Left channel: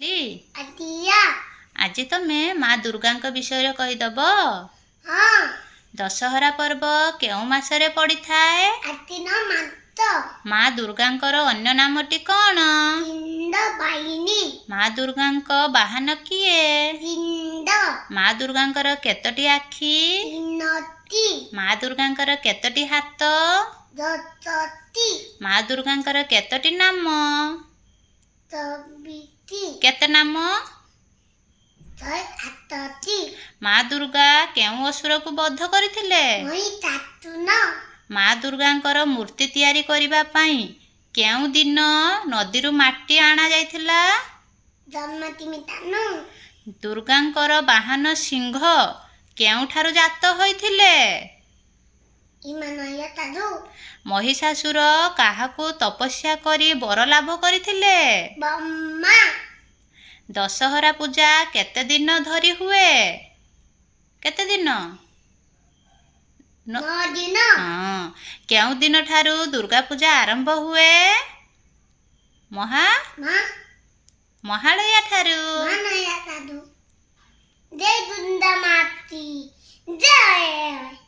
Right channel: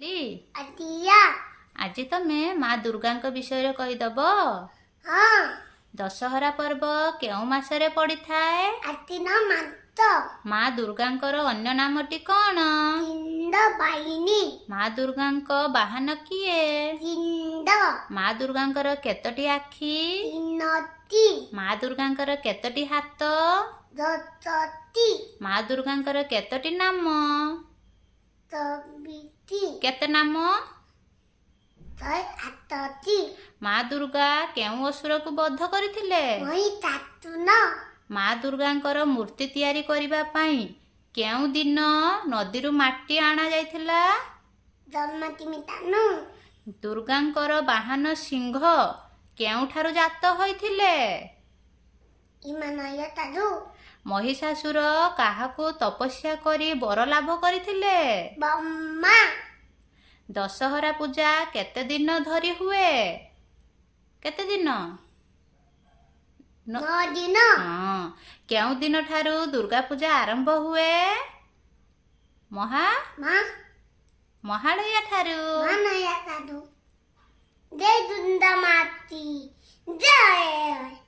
आज तमे माँ दुर्गा विषय कहीदब। दशहरा पर्व केउ मासरे पड़ी थाए? माँ दुर्गा अन्य नामटी कौन? माँ दुर्गा बाहन किए? माँ दुर्गा केतोटी आखि? माँ दुर्गा केतोटी हाथ? माँ दुर्गा केतोटी नाम? केते नाम? माँ दुर्गा केउ असुर को बध करथिले? माँ दुर्गा मूर्ति तैयारी करिबा पई केउ दिन नदी रु माटी आना जाइथिला? दुर्गांकर बाहन सिंह केउठारु जात होइथिले? महिषासुर काहाकू तपस्या करी बर लाभ करथिले? दशहरा पूजा केते दिन धरी हुए? केते दिन? 9 दिन। हाँ, केउ दिन ठारू दुर्गा पूजा आरंभ हुए? महालया ठारू। जय दुर्गा माती जय।